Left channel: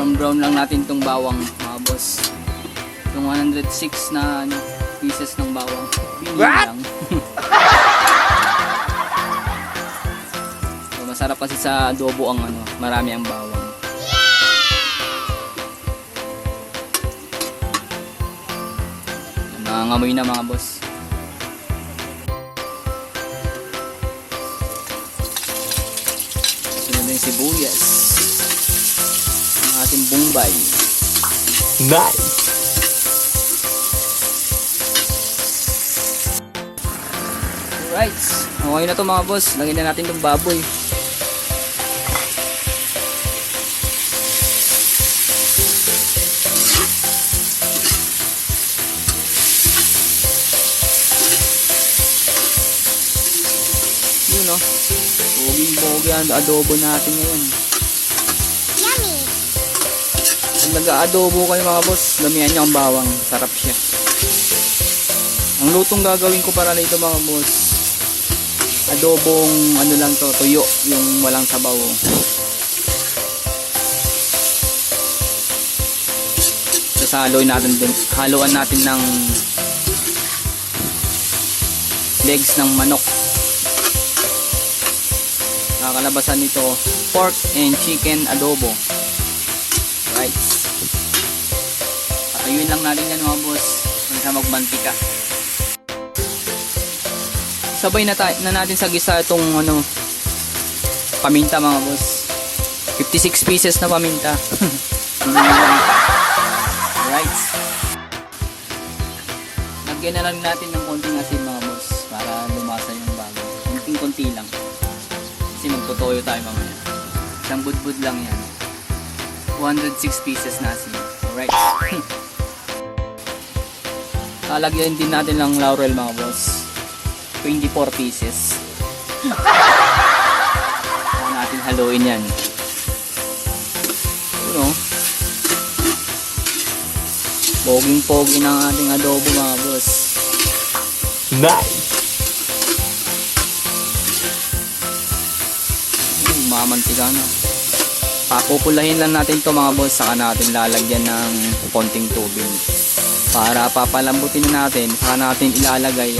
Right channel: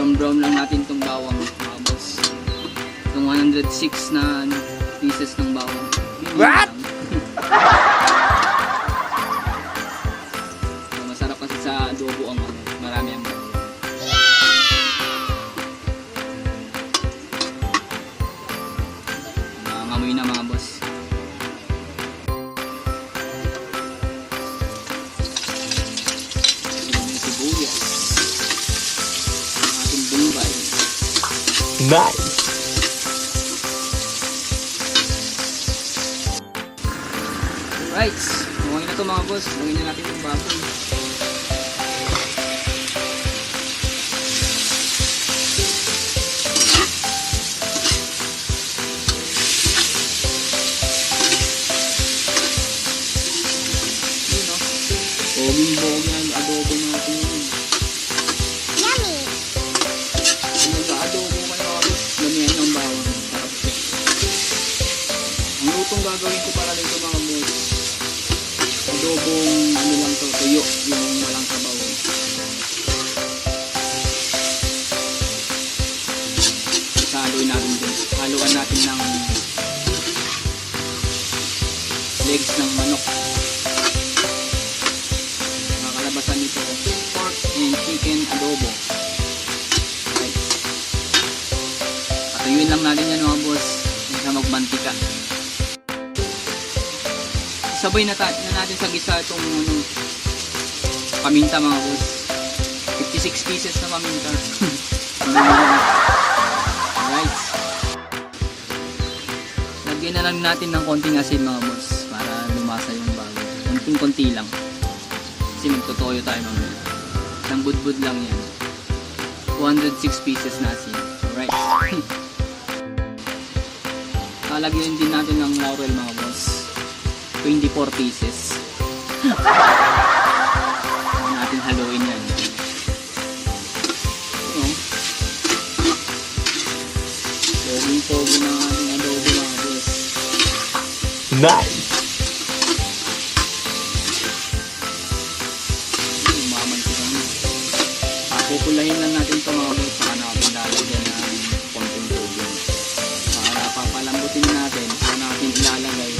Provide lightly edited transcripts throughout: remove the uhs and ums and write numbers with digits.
Brown lang natin itong bawang mga boss. Itong 106 na pieces ng bawang. What? So, masarap kasi sa adobo ang marami ang bawang. Nangangamoy na mga boss. Sino din sibuyas. Ang ating bumbay. Nice! Alright, okay na to mga boss. Lagyan na natin itong baboy. Yun o. Boging-bogi ang adobo natin yun. Yummy! Kung nag-aadobo kayo mga boss, lamihan niya ang bawang. Sarap siya. Ang lutong gagawin ko para nito mga boss, adobong lang to, tuyo, yung walang sabaw. Tapos haluan natin ng legs ng manok. Nakakalabasan nito, pork and chicken adobo. Right. Patuyuin lang natin yan mga boss, hindi sa magmantika. Sabay na natin sa gisa itong paminta mga boss. 56 pieces na paminta. Right. Lagyan na lang natin ng konting asin mga boss para lumasa yung bago. Konting-konti lang. Kasi magtotoyo tayo mamaya. Isang budbud lang yan. 206 pieces na asin. Alright. Lalagyan din natin ng laurel mga boss. 24 pieces. Saan natin haluin yan. Poging-pogi ng ating adobo mga boss. Nice! Mamantika na. Pakukulahin lang natin ito mga boss. Saka natin lalagyan ng konting tubig. Para papalambutin natin, saka natin ilalagay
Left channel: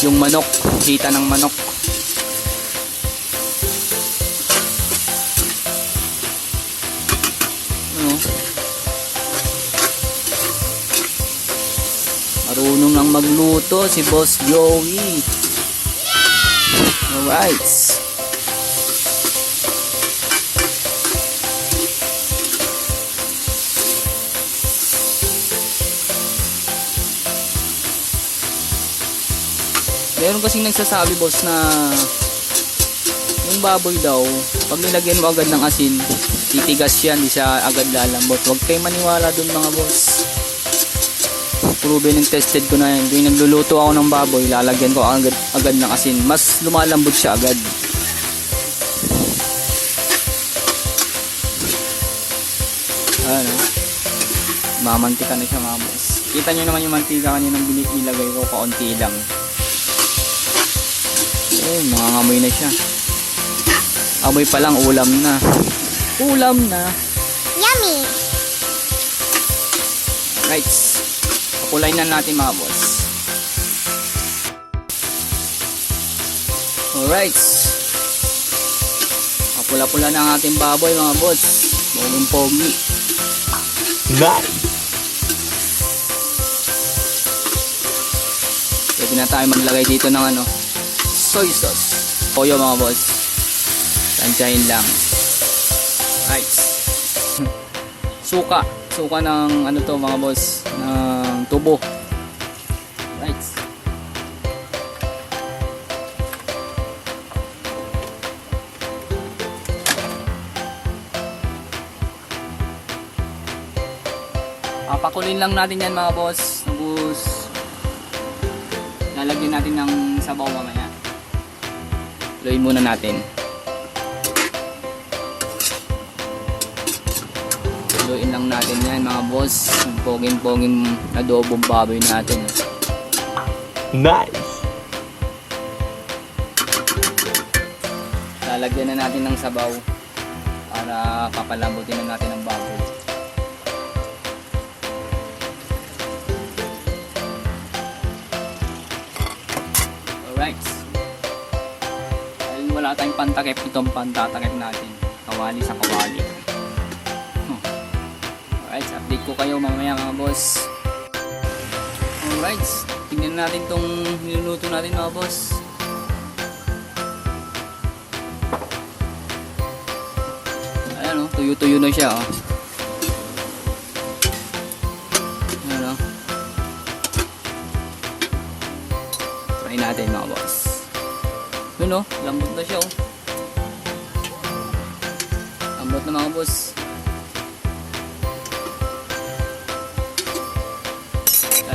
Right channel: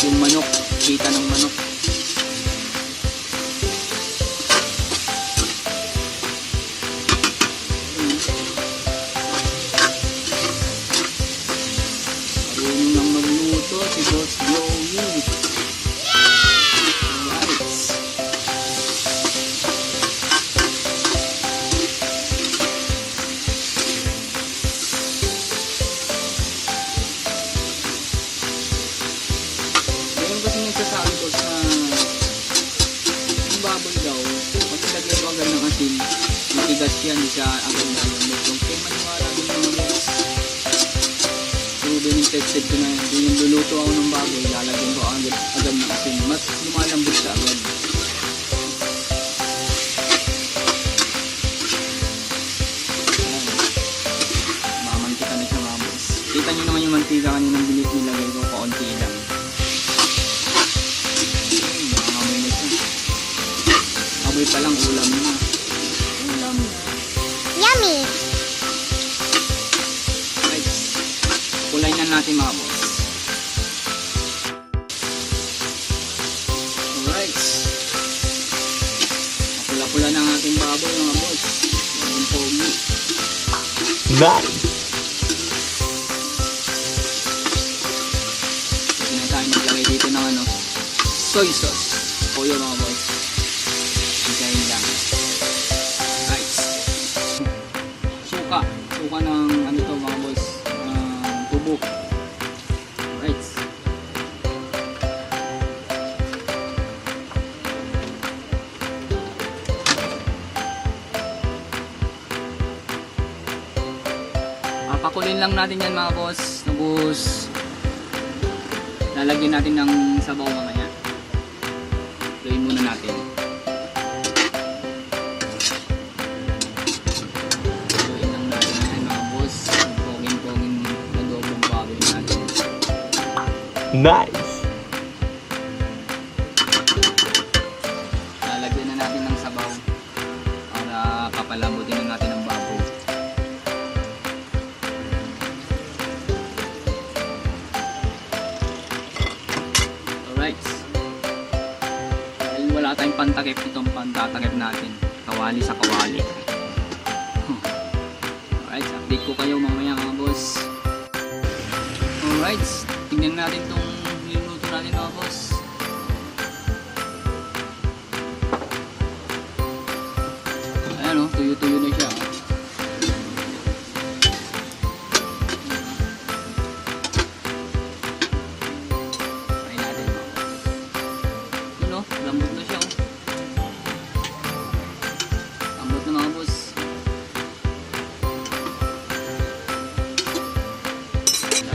yung manok, kita ng manok. Marunong ang magluto si Boss Joey. Alright. Meron kasing nagsasabi boss na yung baboy daw, pag nilagyan mo agad ng asin, titigas yan, di siya agad lalambot. Huwag kayo maniwala dun mga boss. Proven and tested ko na yan. Yung nagluluto ako ng baboy, lalagyan ko agad ng asin. Mas lumalambot siya agad. Mamantika na siya mga boss. Kita nyo naman yung mantika kaninang nilagay ko, kaunti lang. Nangangamoy na siya. Amoy pa lang, ulam na. Ulam na. Yummy! Right. Kulay na natin mga boss. Alright. Pula-pula na ang ating baboy mga boss. Bagong pogi. Nice! Pwede na tayo maglagay dito ng soy sauce. Toyo mga boss. Tansyahin lang. Right. Suka. Suka ng to mga boss. Ng tubo. Right. Papakulin lang natin yan mga boss. Tapos lalagyan natin ng sabaw mamaya. Gawin muna natin. Gawin lang natin yan mga boss. Poging-poging adobong baboy natin. Nice! Lalagyan na natin ng sabaw. para papalambutin na natin ang baboy. Alright. Dahil wala tayong pantakip, itong pantatakip natin. Kawali sa kawali. Alright, update ko kayo mamaya mga boss. Alright, tingnan natin tong niluto natin mga boss. Ayan o, tuyo-tuyo na siya o. Ayan o. Try natin mga boss. Yun o, lambot na siya o. Lambot na mga boss.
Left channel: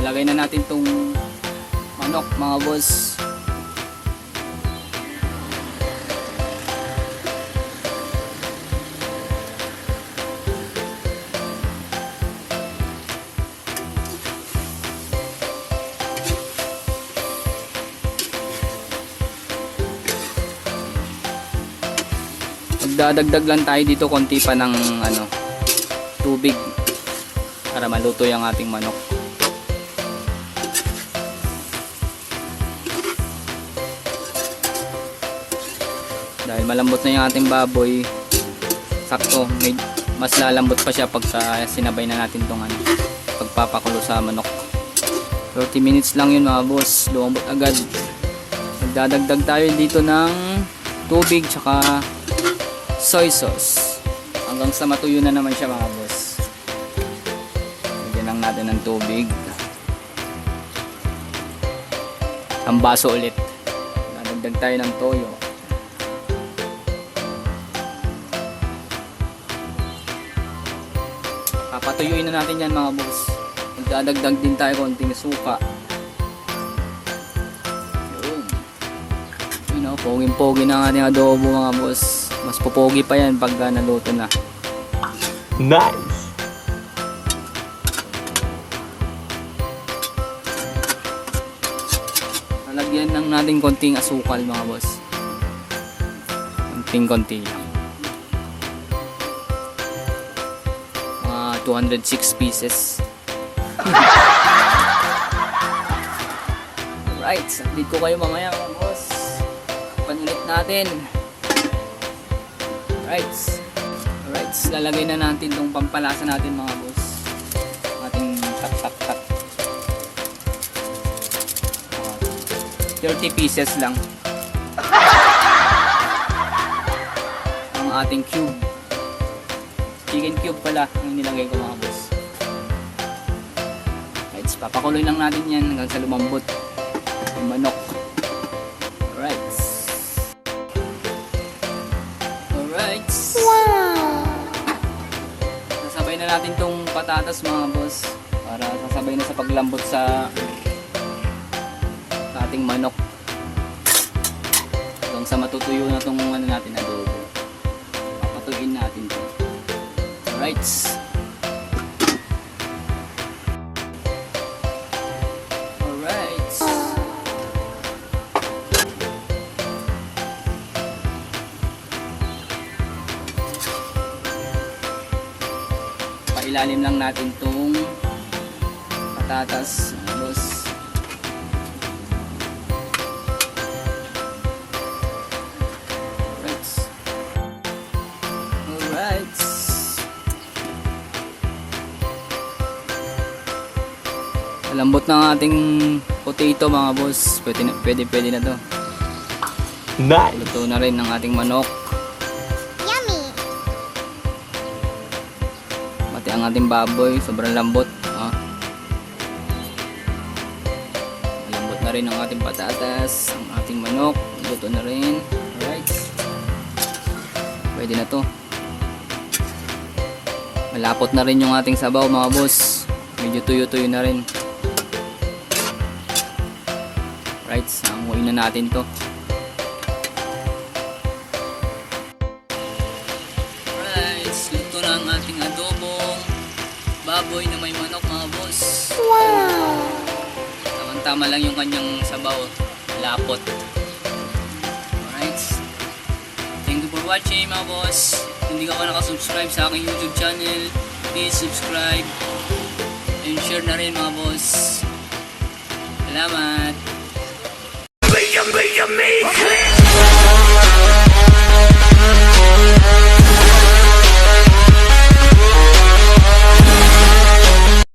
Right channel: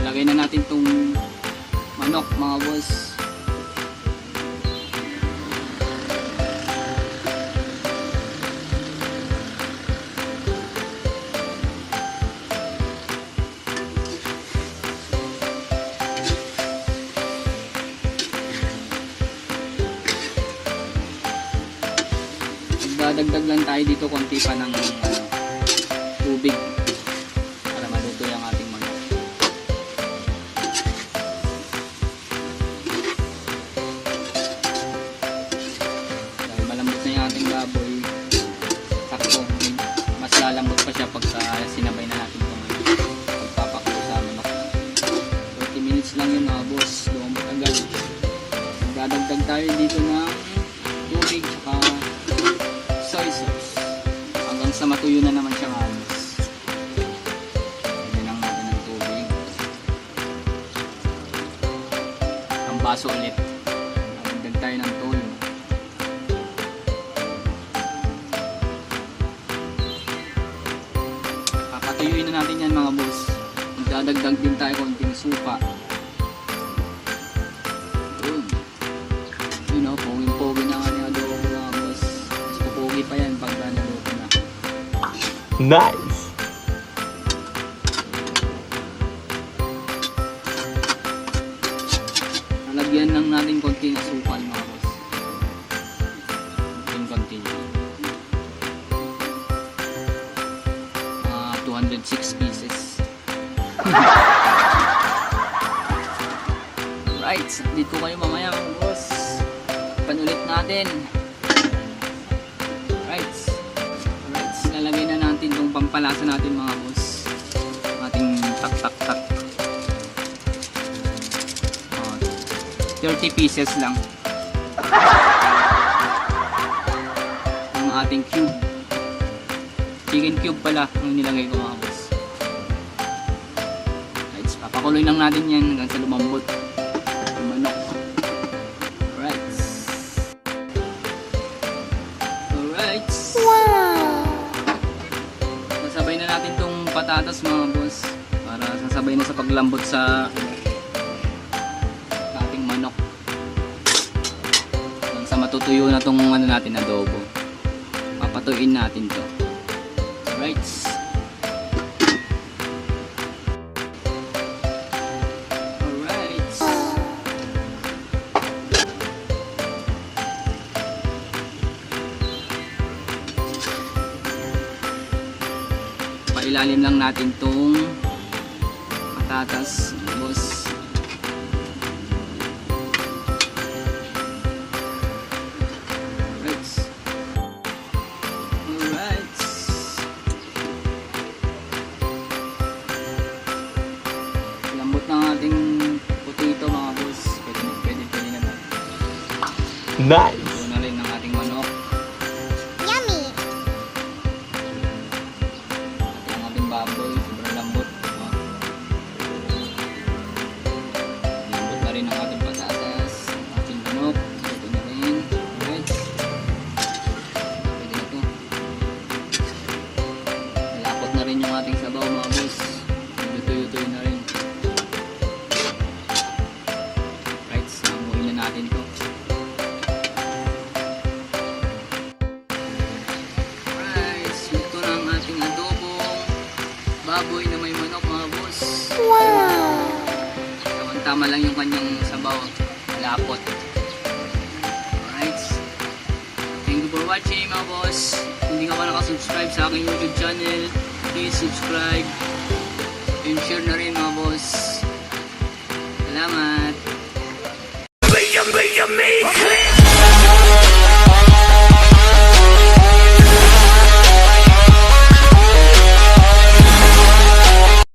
Lalagay na natin tong manok mga boss. Magdadagdag lang tayo dito konti pa ng tubig para maluto yung ating manok. Dahil malambot na yung ating baboy, sakto, mas lalambot pa siya pagka sinabay na natin itong pagpapakulo sa manok. 30 minutes lang yun mga boss, lumambot agad. Magdadagdag tayo dito ng tubig tsaka soy sauce hanggang sa matuyo na naman siya mga boss. Lagyan lang natin ng tubig, ang baso ulit. Dadagdag tayo ng toyo. Papatuyuin na natin yan mga boss. Magdadagdag din tayo konting suka. Yun o, poging-pogi na ang ating adobo mga boss. Mas pupogi pa yan pagka naluto na. Nice! Lalagyan lang natin konting asukal mga boss. Konting-konti. 206 pieces. Alright, update ko kayo mamaya mga boss. Panulit natin. Alright, lalagay na natin itong pampalasa natin mga boss. Ating tak-tak-tak. 30 pieces lang ang ating cube. Chicken cube pala ang nilagay ko mga boss. Alright, papakuloy lang natin yan hanggang sa lumambot ang manok. Alright. Sasabay na natin tong patatas mga boss para sasabay na sa paglambot sa ating manok hanggang sa matutuyo na tong natin adobo. Papatuyin natin to. Alright. Alright. Pailalim lang natin tong patatas, boss. Alright. Alright. Lambot ng ating potato mga boss. Pwede na to. Nice! Ito na rin ang ating manok. Yummy. Pati ang ating baboy. Sobrang lambot. Lambot na rin ang ating patatas. Ang ating manok. Luto na rin. Alright. Pwede na to. Malapot na rin yung ating sabaw mga boss. Medyo tuyo-tuyo na rin. Right, namuin na natin to. Right, luto na ang ating adobong baboy na may manok mga boss. Wow. Tama lang yung kanyang sabaw. Malapot. Alright. Thank you for watching mga boss. Kung hindi ka pa nakasubscribe sa aking YouTube channel, please subscribe and share na rin mga boss. Salamat!